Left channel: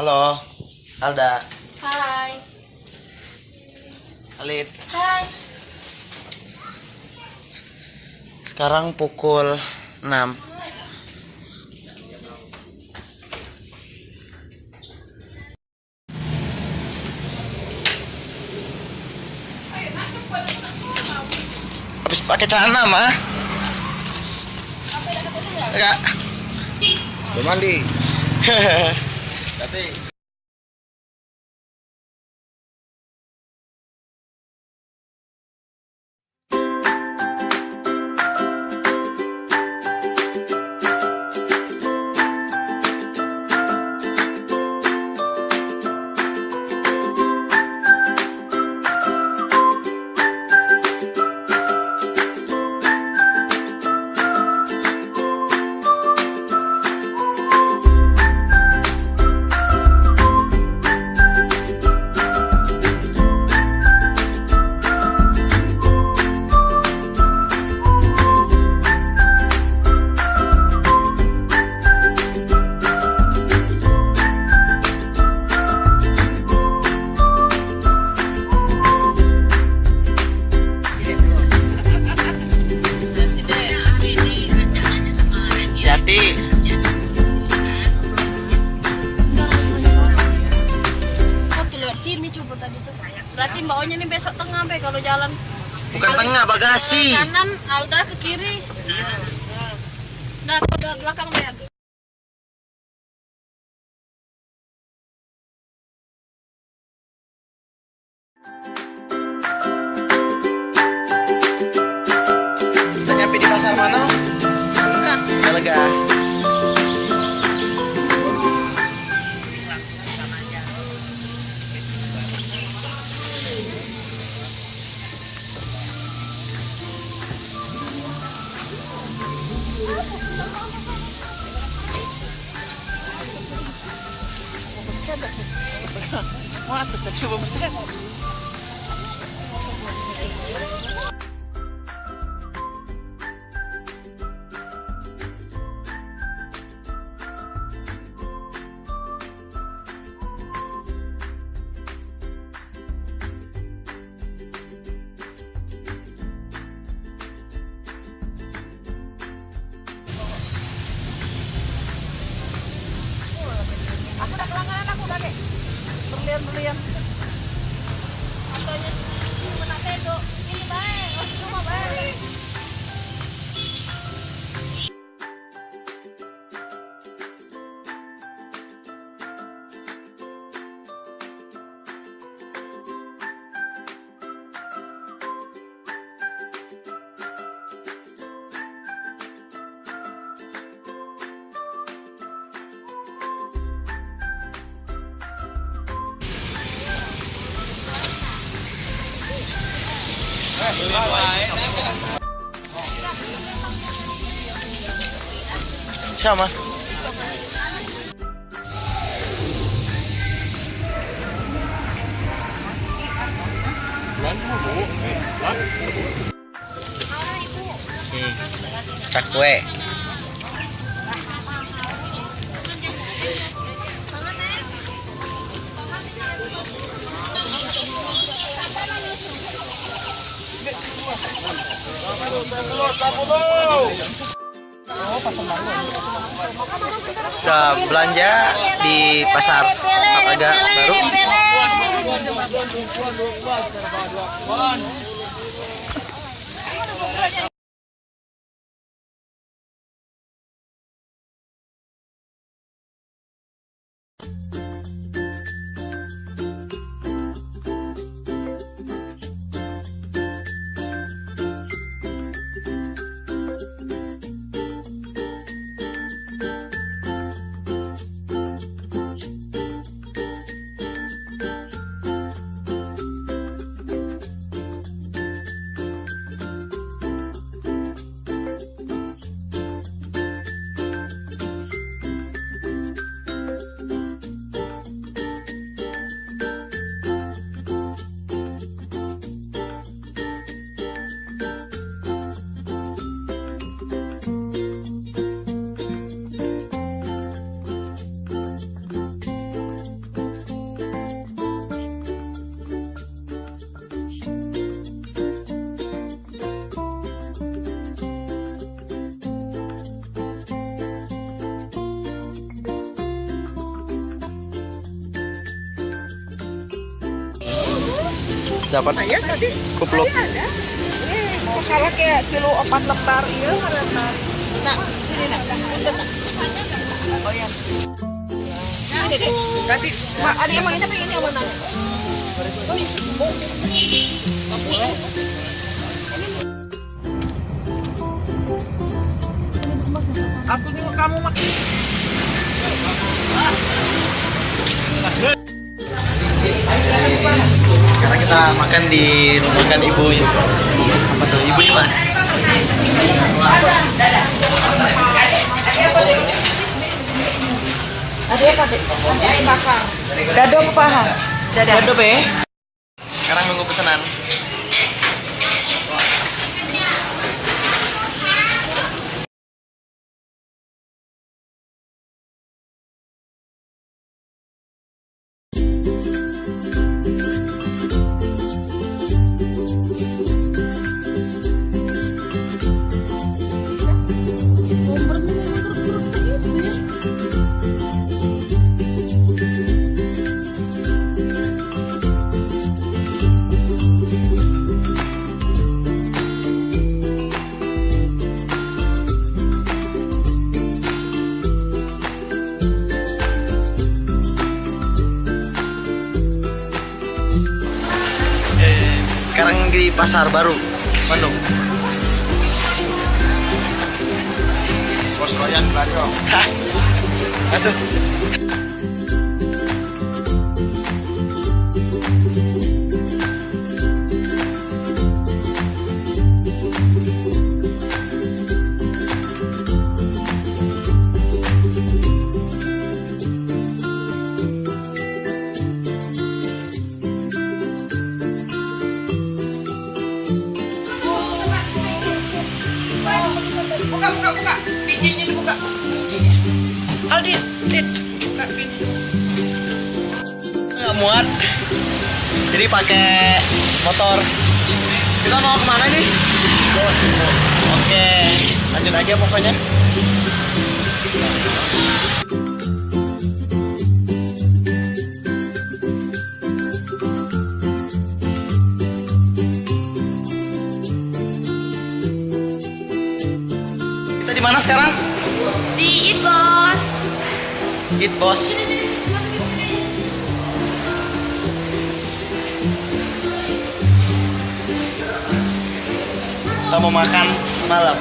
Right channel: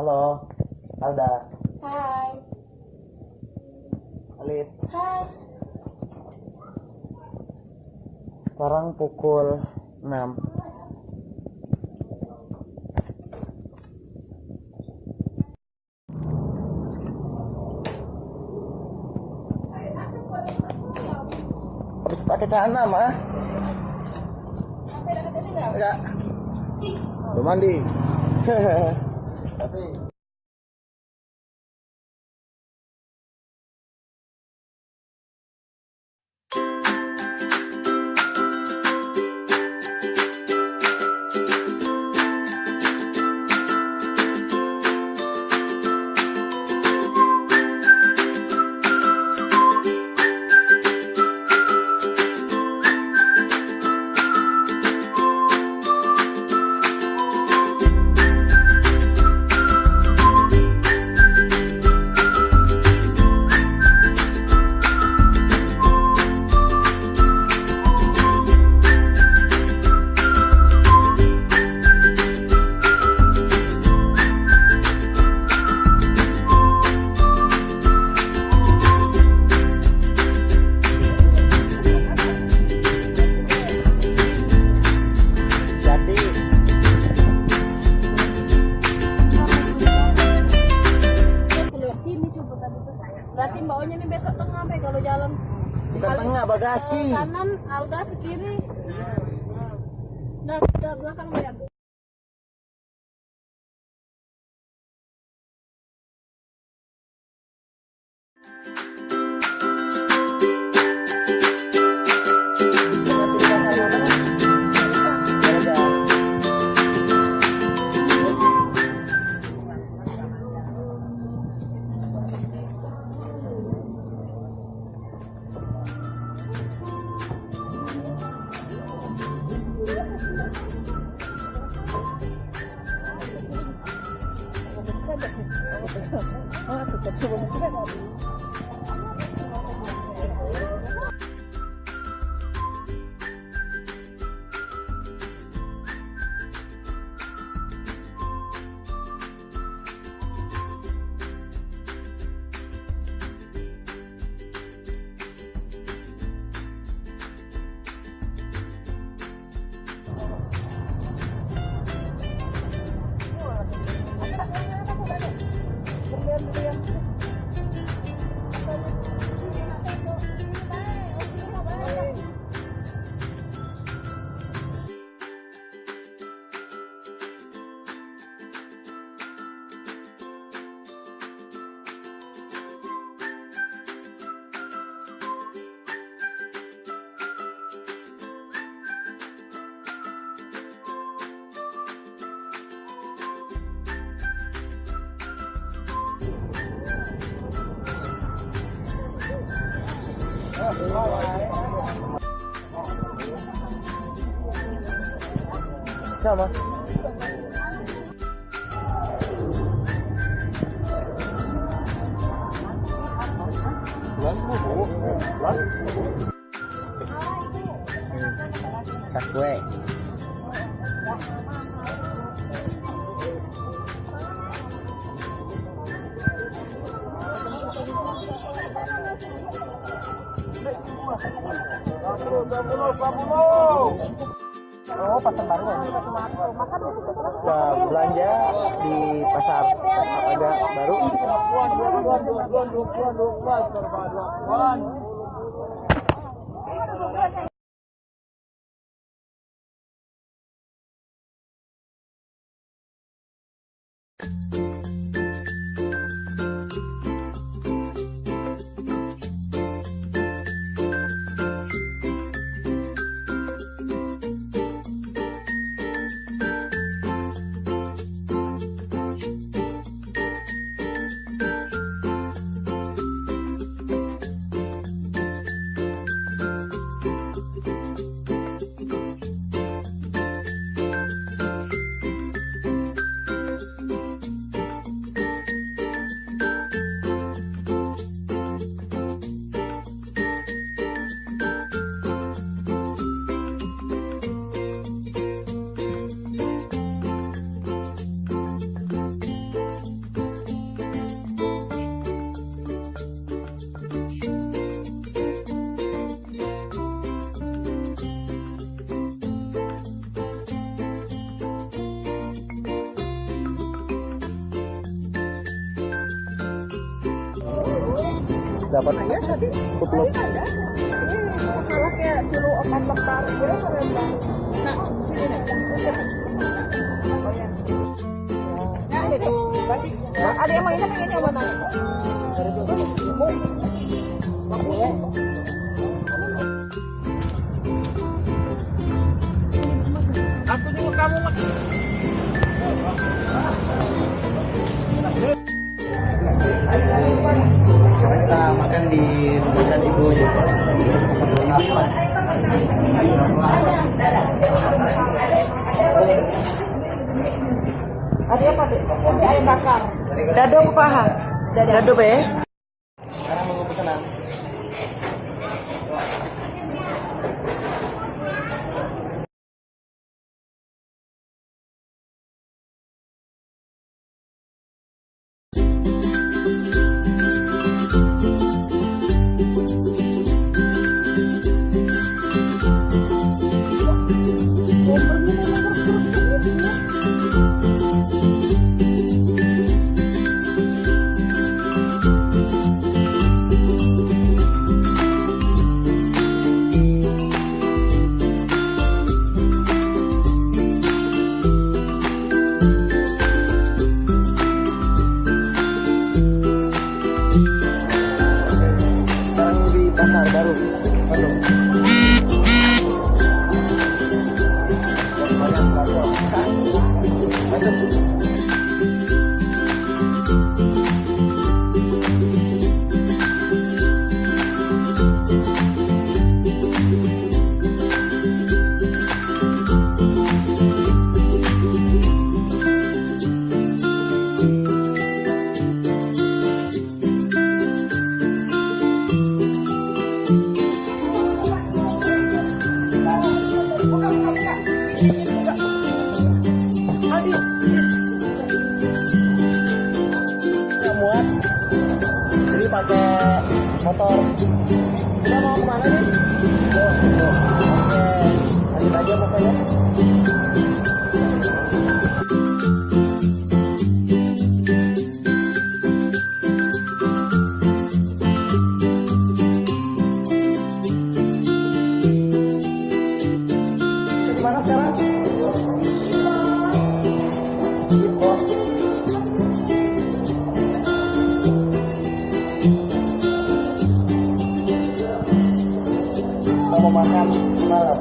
Halo, Alda. Hai. Alid. Hai. Sekarang pukul 6. Habis pakai celana mah. Enggak. Udah mandi. Berarti Mbak Onya nih besok tengah be kalau jalan. Bukan tengah, bagasi. Kanan, Alda ke kiri. Nah, ke belakang be. Udah nyampe di pasar mana? Bukan. Lega. Wah, terus tapi coba besar. Aku udah pelanggaran aku kakek. Berlian-berlian. Apanya? Mana tedo? Ini baik, oh rumah baik. Siapa? Cakwe. Udah belanja di pasar agak baru. dapat Saya tadi kupluk. ada. Kalau kayak kilo 4 lembar iya lembar. Nah, sini nak. Punten nak. Oh ya. Nah, ini deh. Berarti ada yang mainnya pengen yang mana? Aku nengok kamu mak. Sekarang kita makan di rombongan ibu. Apa tuh ibu nih mas? Dadong paha. Dado be. Sekarang nunggu pesanan. Sekarang di Pasar Baru, Bandung. Pos Royan Bandung. Hah? Aduh. Buka. Bijinya dibuka. Aldin, Din. Buka biji. Nggak muat. Jadi pakai motor. Kita mau kemana nih? Oke, lanjut aja pokoknya. Kita di mana sekarang? Di Bos. Eat Boss. Kita mau makan malam.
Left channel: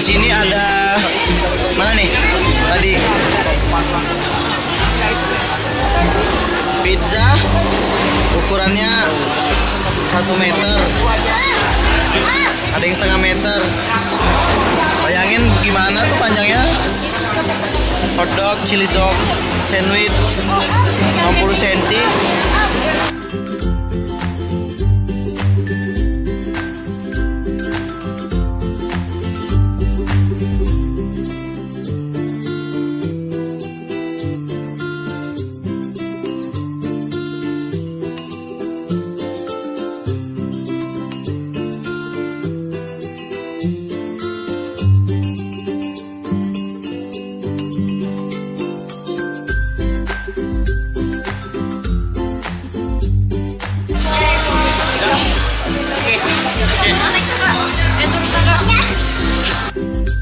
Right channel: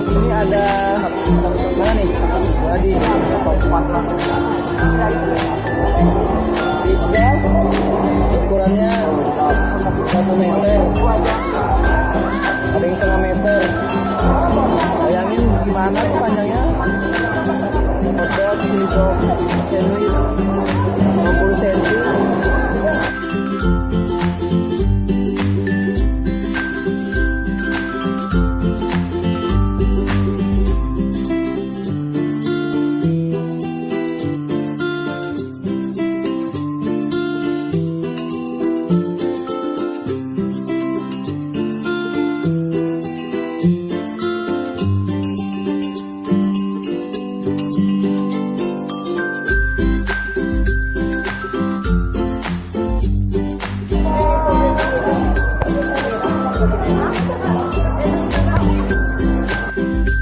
Di sini ada mana nih? Tadi pizza ukurannya 1 meter. Ada yang setengah meter. Bayangin gimana tuh panjangnya? Hotdog, chili dog, sandwich 60 cm.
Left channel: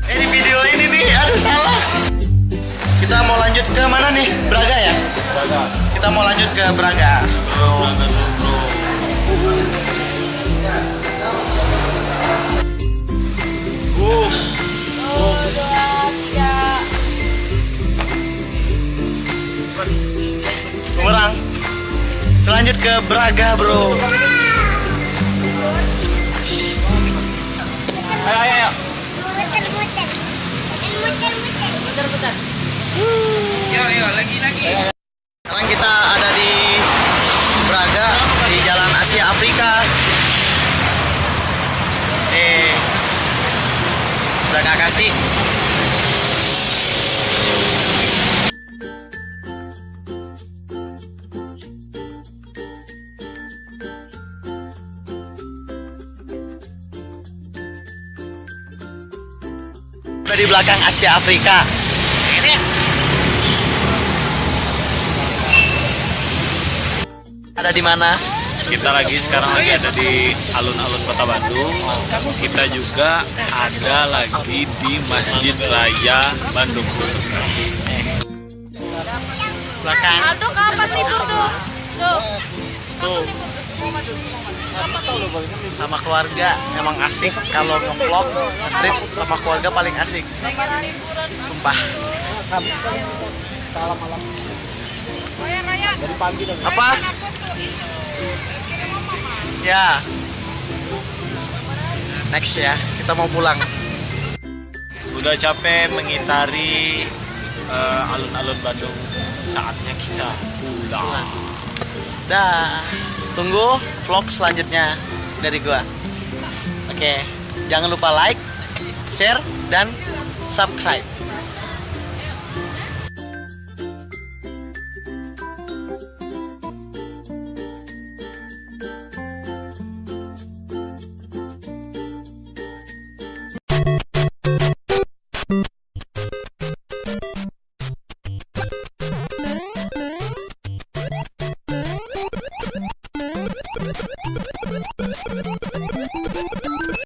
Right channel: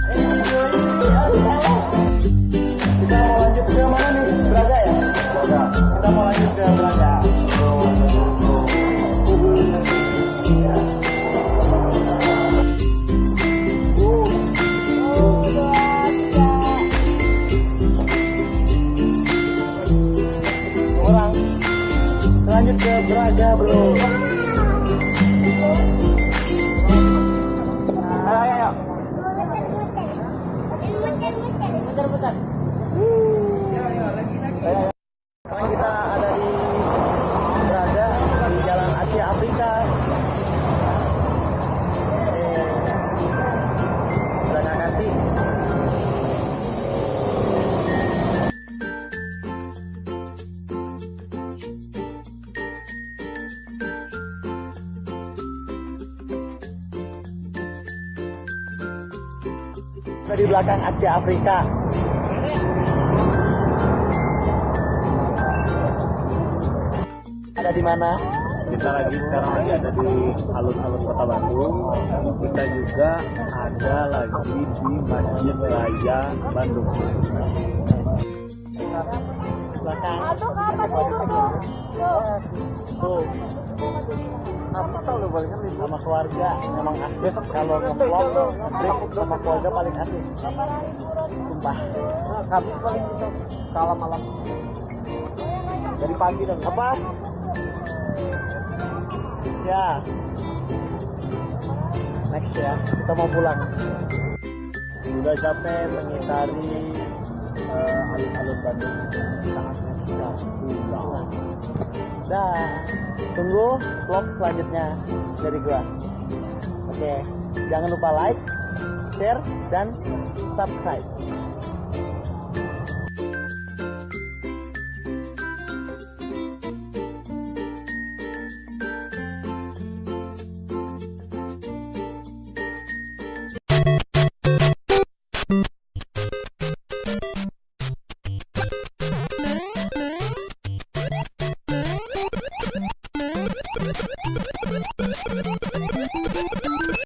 Di video ini nih, aduh salah. Kita mau lanjut ke mana nih? Braga ya? Kita mau lanjut ke Braga. Kurang. Lanjut ke Braga, bro. Yo, lagi. Sekarang kita ada di Braga, di Jalan Asia Afrika. lagi. Di belakang Asia Afrika. Ini. Ada di mana? Kita sekarang lagi ada di alun-alun Kota Bandung. Kita juga ada lagi di Masjid Raya Bandung. Belakang. Aduh, kapan libur tuh? Tuh. Tuh. Sama keluarga emang asik kalau nge-vlog trip sama keluarga paling asik. Sumpah. Dari pagi dan Apa? Ya. Next ya, kita mau pulang. Udah capek mengitari alun-alun Bandung. Saatnya kita pulang. Dah. Tunggu vlog selanjutnya dari gua. Oke, jangan lupa like, share, dan subscribe.